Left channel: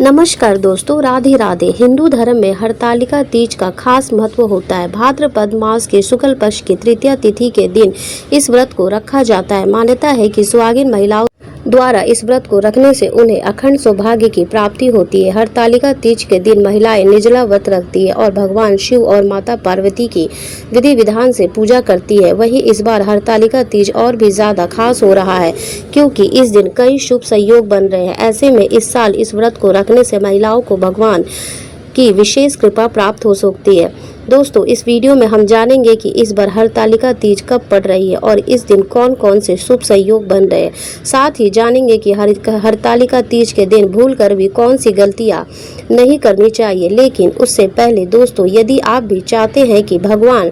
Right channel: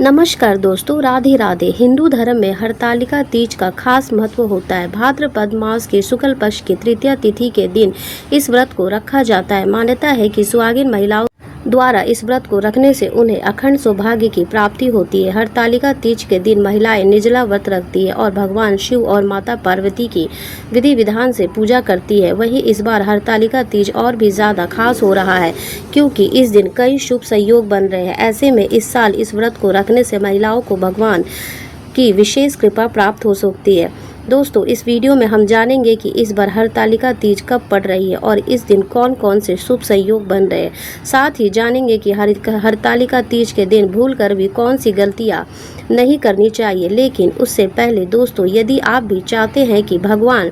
नमस्कार दोस्तों, राधे राधे। हिंदू धर्म में हरतालिका तीज का खास महत्व होता है। भाद्रपद मास के शुक्ल पक्ष की तृतीया तिथि के दिन इस व्रत को रखा जाता है। मान्यता है कि सुहागिन महिलाओं द्वारा इस व्रत को रखने से उन्हें अखंड सौभाग्य की प्राप्ति होती है। हरतालिका तीज के दिन महिलाएं निर्जला व्रत रखती है और भगवान शिव और माता पार्वती की विधि विधान से पूजा करती है। वहीं इस बार हरतालिका तीज और भी ज्यादा खास हो रहा है क्योंकि इस दिन कई शुभ संयोग बन रहे हैं। ऐसे में इस साल इस व्रत को रखने से महिलाओं को भगवान की विशेष कृपा प्राप्त हो सकती है। दोस्तों, इस वीडियो में हम जानेंगे कि इस बार हरतालिका तीज कब पड़ रही है और इस दिन कौन कौन से शुभ संयोग बन रहे हैं। साथ ही जानेंगे कि हरतालिका तीज के दिन भूलकर भी कौन सी गलतियां नहीं करनी चाहिए। लेकिन उससे पहले दोस्तों, यदि आप भी चाहते हैं कि भगवान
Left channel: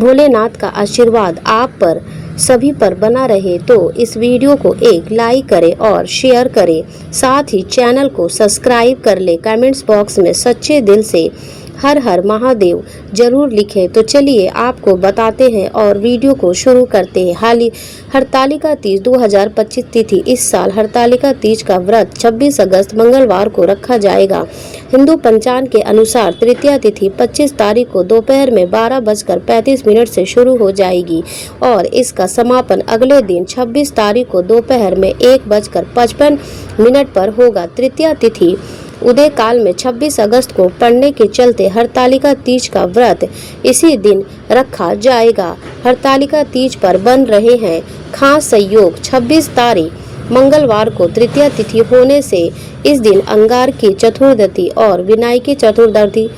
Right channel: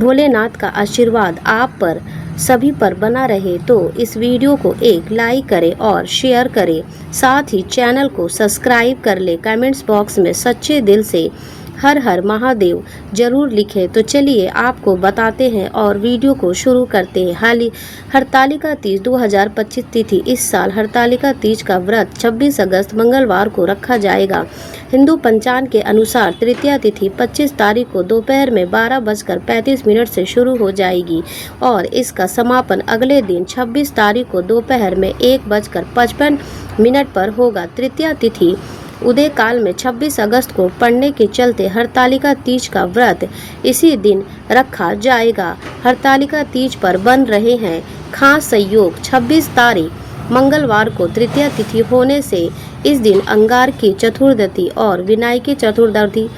भोलेनाथ का आशीर्वाद आप पर सभी पर बना रहे तो इस वीडियो को एक लाइक करें और शेयर करें। साथ ही चैनल को सब्सक्राइब कर ले। कमेंट्स बॉक्स में सच्चे दिल से हर हर महादेव जरूर लिखें। तो चलिए आपको बताते हैं और वीडियो को शुरू करते हैं। हरतालिका तीज 2025 तिथि। इस साल हरतालिका तीज का व्रत 26 अगस्त मंगलवार को रखा जाएगा। हिंदू पंचांग के अनुसार तृतीया तिथि 25 तारीख को दोपहर में 12:35 से शुरू हो जाएगी और इसका समापन अगले दिन 26 तारीख को दोपहर में 1:55 पर होगा। तृतीया तिथि उदय काल में 26 अगस्त को पड़ने के चलते हरतालिका तीज का व्रत इसी दिन रखा जाएगा। हरतालिका तीज पर बन रहे हैं खास संयोग। 26 तारीख मंगलवार को तृतीया तिथि होने से इस दिन अंगार की चतुर्दशी और विनायकी चतुर्दशी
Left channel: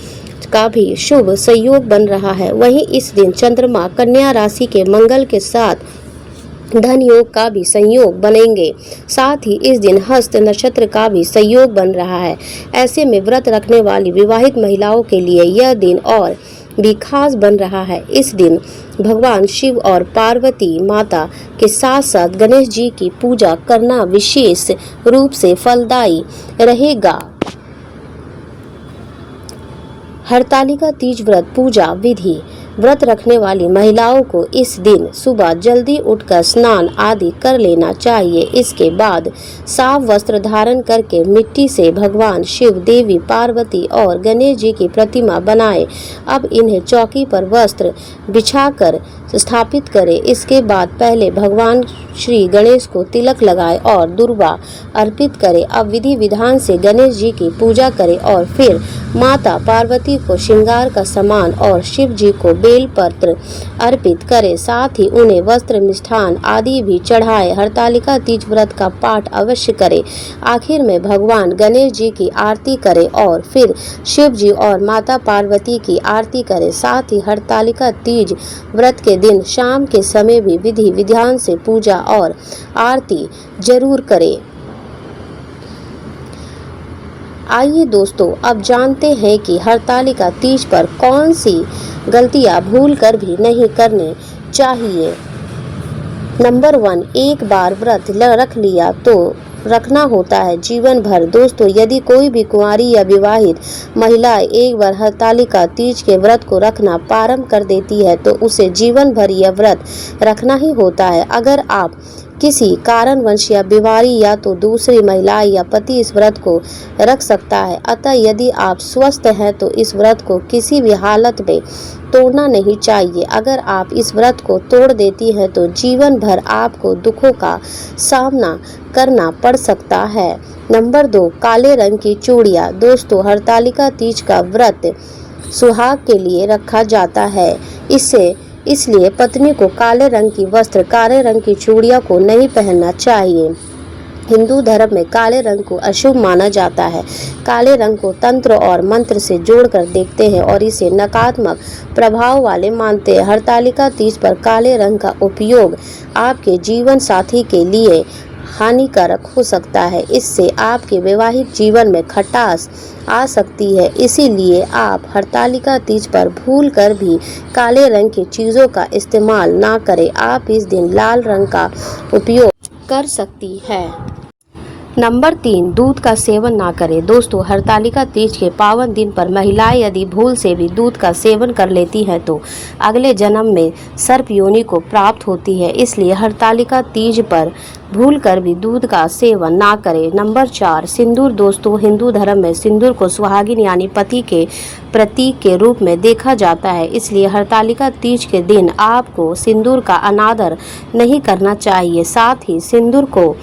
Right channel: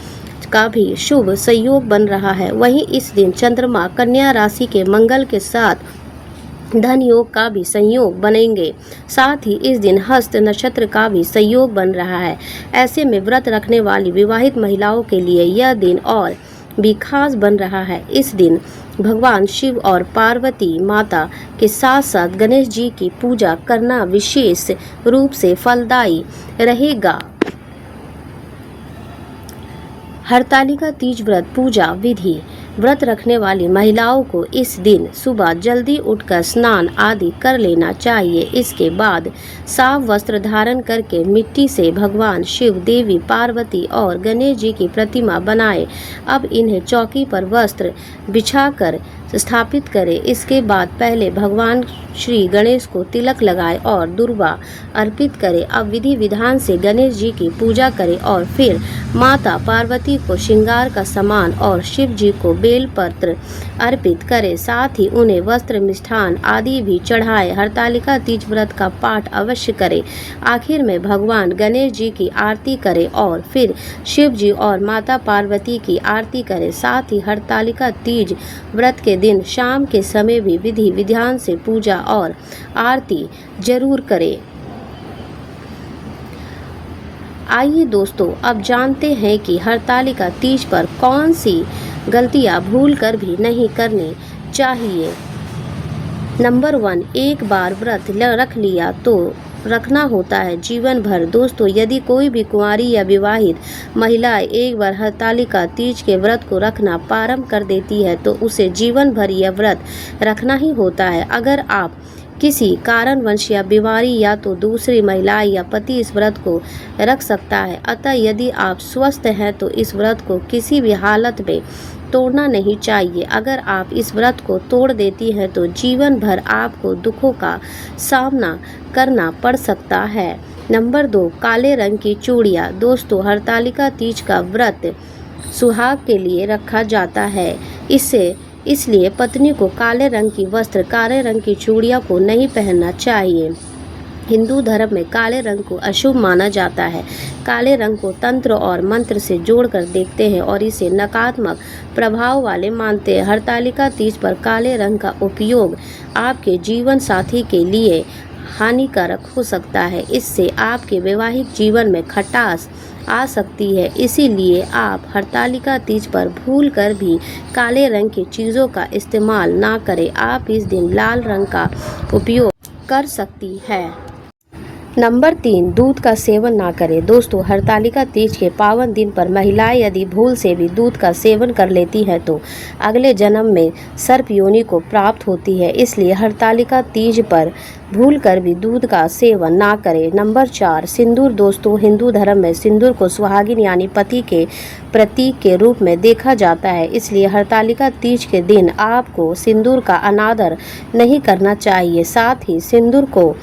का भी शुभ संयोग बन रहा है। वहीं इस दिन चंद्रमा कन्या राशि के मंगल के साथ धन योग का भी संयोग बनेंगे। साथ ही इस दिन हस्त नक्षत्र का भी संयोग बन रहा है। ऐसे में व्रत रखने वाली विवाहित महिलाओं के लिए यह दिन और भी खास बन रहा है। इस दिन भगवान शिव और पार्वती माता के साथ साथ गणेश जी की पूजा करना विशेष रूप से फलदायी रहेगा। हरतालिका तीज व्रत पूजा विधि। व्रत रखने वाली महिलाओं को इस दिन सुबह जल्दी उठकर स्नान आदि कर लेना चाहिए। इसके बाद साफ वस्त्र धारण करके मिट्टी से भगवान शिव, देवी पार्वती और गणेश जी की प्रतिमा बनाएं। अब इन्हें चौकी पर वस्त्र बिछाकर स्थापित करें। इसके बाद पहले भगवान श्री गणेश को तिलक लगाएं और दुर्वा अर्पित करें। अब विधि विधान से गणेश जी की पूजा करें और फिर माता पार्वती को श्रृंगार का सामान और शिव जी को बेलपत्र अर्पित करें। साथ ही उन्हें वस्त्र, मिष्ठान आदि भी चढ़ाएं। हरतालिका तीज व्रत का पाठ अवश्य करें। आखिर में भगवान गणेश जी की आरती करें और फिर शिव जी और माता पार्वती की आरती करें। साथ ही हरतालिका तीज व्रत के दिन शाम के समय भी विधि विधान से पूजा और आरती जरूर करें। आइए दोस्तों, अब जानते हैं कि हरतालिका तीज पर कौन सी गलतियां भूल कर भी नहीं करनी चाहिए। नंबर 1, एक बार व्रत रख लिया तो रखना होता है जीवन भर। दोस्तों, यदि कोई भी कुंवारी या विवाहित महिला एक बार हरतालिका तीज के व्रत को रखना प्रारंभ कर देती है तो उसे जीवन भर यह व्रत रखना ही होता है। अगर आप किसी कारणवश या बीमारी या तो दूसरी महिला या पति इस व्रत को रख सकता है। अतः यदि आप स्वस्थ हैं तो इस व्रत को किसी भी हालत में तोड़ना नहीं चाहिए। अगर आप इस व्रत को तोड़ देती हैं तो जीवन भर आपको दुखों का सामना करना पड़ सकता है। नंबर 2, काले रंग की चूड़ियाँ। दोस्तों, हरतालिका तीज का व्रत सुहाग के लिए रखा जाता है। इसलिए पत्नी को काले रंग की वस्त्र, काले रंग की चूड़ियाँ को नहीं पहनना चाहिए। हिंदू धर्म में काले रंग को अशुभ माना जाता है। काले रंग को तंत्र और मंत्र से जोड़कर देखते हैं और इसे नकारात्मक प्रभाव वाले मानते हैं। हरतालिका तीज पर काले रंग का उपयोग आपके जीवन साथी के लिए हानिकारक हो सकता है। इससे आपके वैवाहिक जीवन में खटास आ सकती है। इसीलिए आप हरतालिका तीज पर भूल कर भी काले रंग की चीज़ों का इस्तेमाल ना करें। आप इस दिन लाल रंग का उपयोग कर सकती है। नंबर 3, दूध का सेवन ना करें। दोस्तों, हरतालिका तीज के पावन दिन पर महिलाएं यदि भूल से भी दूध का सेवन कर लेती हैं तो अगले जन्म में सर्प योनि को प्राप्त होती है। इसलिए हरतालिका तीज पर भूल कर भी दूध का सेवन ना करें। नंबर 4, सिंदूर। दोस्तों, हिंदू धर्म में सिंदूर को सुहागिन यानी पति के प्रतीक के रूप में देखा जाता है। इसलिए हरतालिका तीज के दिन आपको सिंदूर का अनादर नहीं करना चाहिए। साथ ही सिंदूर को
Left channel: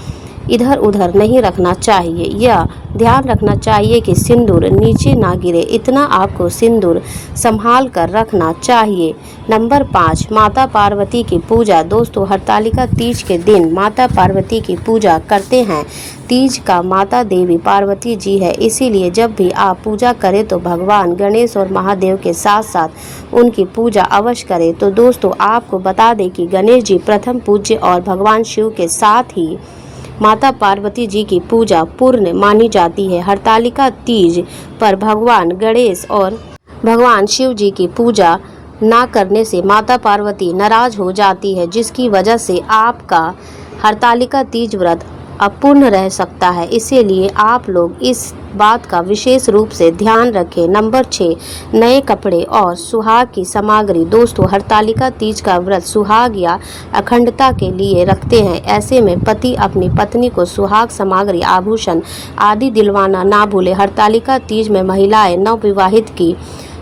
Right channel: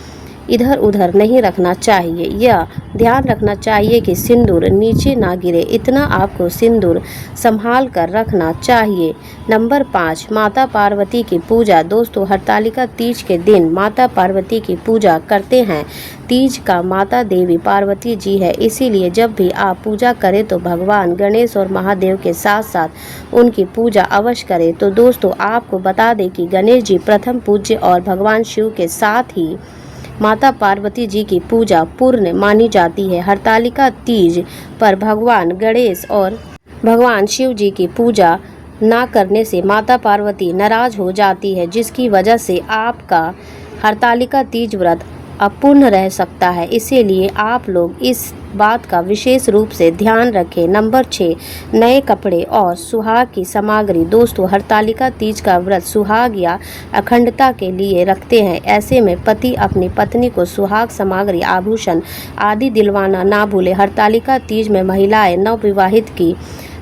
इधर उधर नहीं रखना चाहिए या ध्यान रखना चाहिए कि सिंदूर नीचे ना गिरे, इतना आपको सिंदूर संभाल कर रखना चाहिए। नंबर 5, माता पार्वती की पूजा। दोस्तों, हरतालिका तीज के दिन माता पार्वती की पूजा करते हैं। तीज का माता देवी पार्वती जी है, इसीलिए जब भी आप पूजा करें तो भगवान गणेश और महादेव के साथ साथ उनकी पूजा अवश्य करें। तो दोस्तों, आपको बता दें कि गणेश जी प्रथम पूज्य और भगवान शिव के साथ ही माता पार्वती जी की पूजा पूर्ण मानी जाती है। हरतालिका तीज पर भगवान गणेश और भगवान शिव जी की पूजा ना करने से माता पार्वती नाराज हो जाती है, जिसकी वजह से आपका हरतालिका तीज व्रत अपूर्ण रह सकता है। इसीलिए आप लोग इस बात का विशेष रूप से ध्यान रखें। नंबर 6, नए कपड़े और सुहाग की सामग्री। दोस्तों, हरतालिका तीज का व्रत सुहाग या अखंडता के लिए रखते हैं। ऐसे में पति अपनी पत्नी को सुहाग सामग्री, आभूषण आदि दिलवाना ना भूले। हरतालिका तीज में महिलाएं नवविवाहित की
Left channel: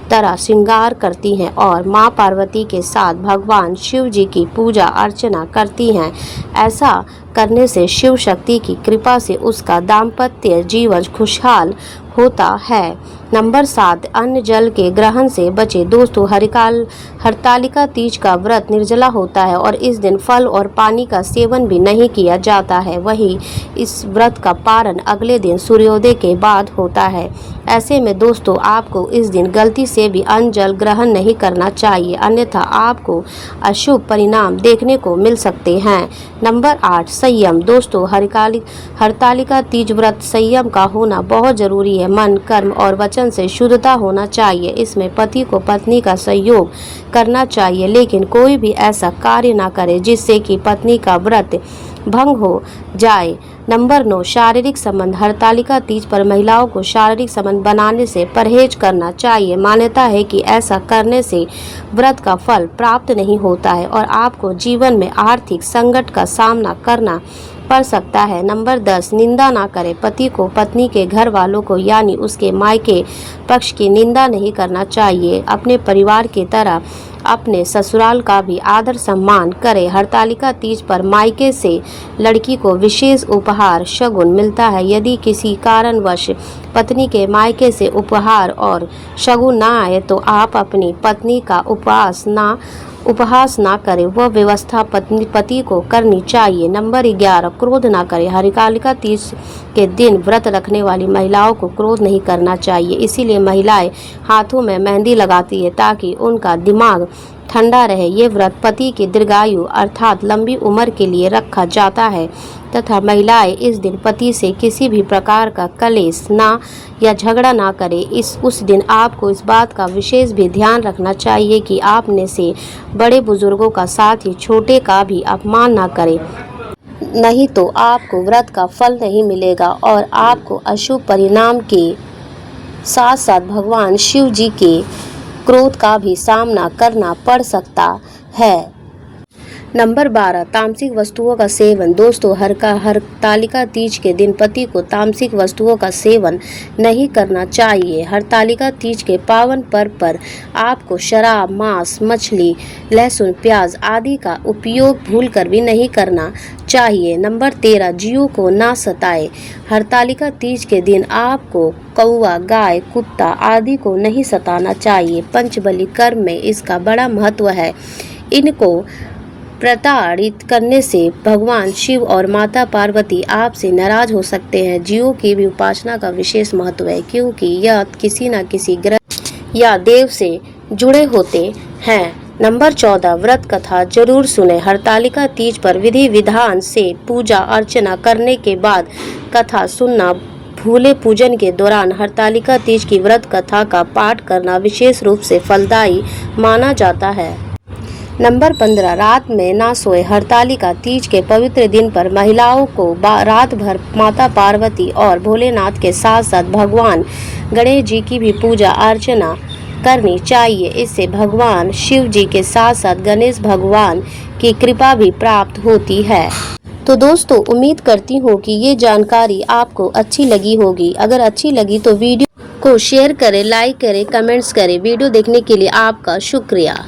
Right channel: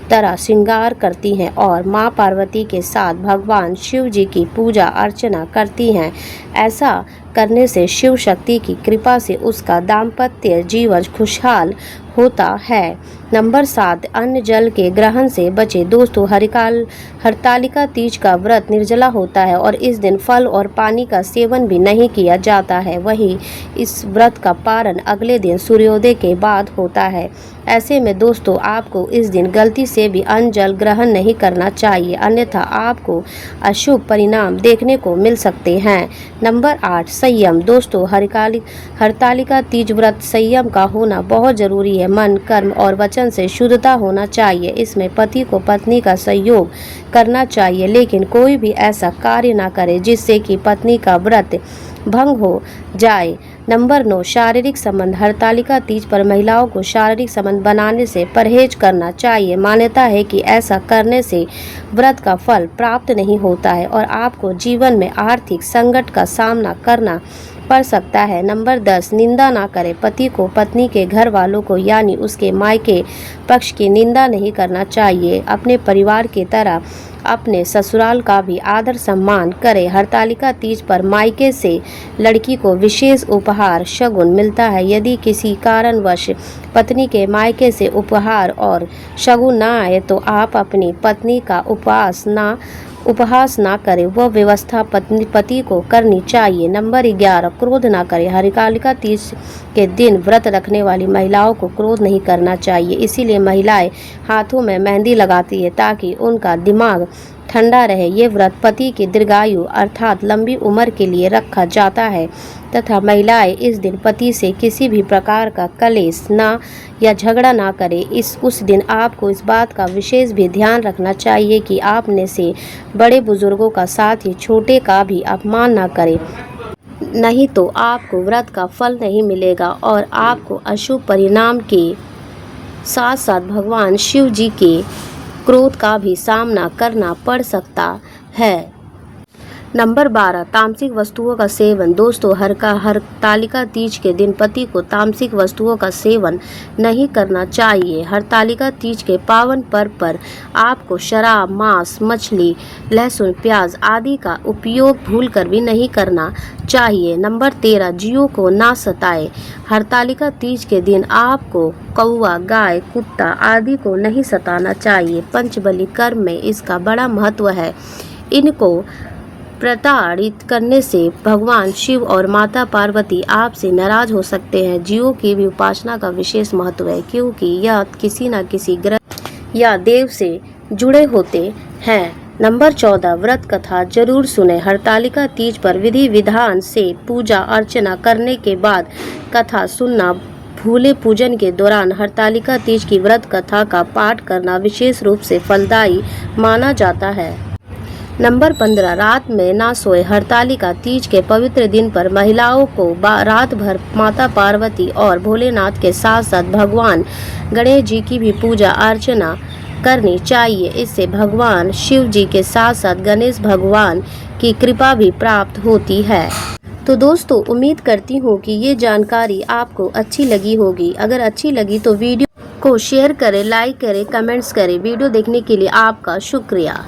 तरह श्रृंगार करती हैं और मां पार्वती के साथ भगवान शिव जी की पूजा अर्चना करती हैं। ऐसा करने से शिव शक्ति की कृपा से उसका दाम्पत्य जीवन खुशहाल होता है। नंबर 7, अन्न जल के ग्रहण से बचे। दोस्तों, हरतालिका तीज का व्रत निर्जला होता है और इस दिन फल और पानी का सेवन भी नहीं किया जाता है। वहीं इस व्रत का पारण अगले दिन सूर्योदय के बाद होता है। ऐसे में दोस्तों, आपको इस दिन गलती से भी अन्न जल ग्रहण नहीं करना चाहिए, अन्यथा आपको अशुभ परिणाम देखने को मिल सकते हैं। नंबर 8, संयम। दोस्तों, हरतालिका तीज व्रत संयम का होना बहुत जरूरी है। मन, कर्म और वचन से शुद्धता होना चाहिए। इसमें पति को पत्नी का सहयोग करना चाहिए, लेकिन कोई भी ऐसा कार्य ना करे जिससे कि पत्नी का व्रत भंग हो जाए। नंबर 9, शारीरिक संबंध। हरतालिका तीज पर महिलाओं को शारीरिक संबंध बनाने से परहेज करना चाहिए। मान्यता है कि ऐसा करने से व्रत का फल प्राप्त नहीं होता है और आपको जीवन में आर्थिक संकट का सामना करना पड़ सकता है। नंबर 10, निंदा ना करें। पति को पत्नी के घर वालों को यानी उसके मायके पक्ष की निंदा नहीं करना चाहिए। अपने परिवार की तरह अपने ससुराल का भी आदर सम्मान करें। हरतालिका तीज पर मायके से लड़की को विशेष उपहार शगुन मिलता है। यदि किसी कारणवश पत्नी के मायके से उपहार और शगुन ना आए तो आप अपनी पत्नी का उपहास ना करें, वह व्यवस्था पति को करनी चाहिए। नंबर 11, क्रोध ना करें। हरतालिका तीज के दिन व्रत रखने वाली महिलाओं को क्रोध नहीं करना चाहिए। इसीलिए महिलाएं हाथों में मेहंदी लगाती है ताकि उनका दिमाग ठंडा रहे। ये व्रत पति की दीर्घायु अर्थात लंबी उम्र के लिए रखा जाता है तथा महिलाएं इस दिन पति से किसी भी प्रकार का कलेश ना या झगड़ा ना करें। उस दिन आपको इस बात का विशेष भी ध्यान रखना चाहिए कि आपने से बड़े बुजुर्गों का साथ ही छोटे का भी अपमान ना करें, नहीं तो आपको व्रत का फल नहीं मिलेगा और आपको अशुभ परिणाम के साथ साथ भगवान शिव जी के क्रोध का भी सामना करना पड़ सकता है। नंबर 12, तामसिक वस्तुओं का सेवन। दोस्तों, हरतालिका तीज के दिन पति को तामसिक वस्तुओं का सेवन नहीं करना चाहिए। हरतालिका तीज के पावन पर्व पर आपको शराब, मांस, मछली, लहसुन, प्याज आदि का उपयोग भूलकर भी नहीं करना चाहिए। नंबर 13, जीवों को ना सताए। हरतालिका तीज के दिन आपको कौवा, गाय, कुत्ता आदि को नहीं सताना चाहिए। पंचबली कर्म में इसका बड़ा महत्व है। इनको प्रताड़ित करने से भगवान शिव और माता पार्वती आपसे नाराज हो सकते हैं। जीवों की भी उपासना का विशेष महत्व है क्योंकि यह किसी न किसी ग्रह या देव से जुड़े होते हैं। नंबर 14, व्रत कथा जरूर सुने। हरतालिका तीज पर विधि विधान से पूजा अर्चना करने के बाद कथा सुनना भूले। पूजन के दौरान हरतालिका तीज की व्रत कथा का पाठ करना विशेष रूप से फलदायी माना जाता है। नंबर 15, रात में ना सोए। हरतालिका तीज के पवित्र दिन पर महिलाओं को रात भर माता पार्वती और भोलेनाथ के साथ साथ भगवान गणेश जी की भी पूजा अर्चना करनी चाहिए। इससे भगवान शिव जी के साथ साथ गणेश भगवान की कृपा भी प्राप्त होती है। तो दोस्तों, उम्मीद करती हूँ कि ये जानकारी आपको अच्छी लगी होगी। अगर अच्छी लगी तो वीडियो को शेयर करें, लाइक करें, कमेंट्स करें। वीडियो देखने के लिए आपका शुक्रिया।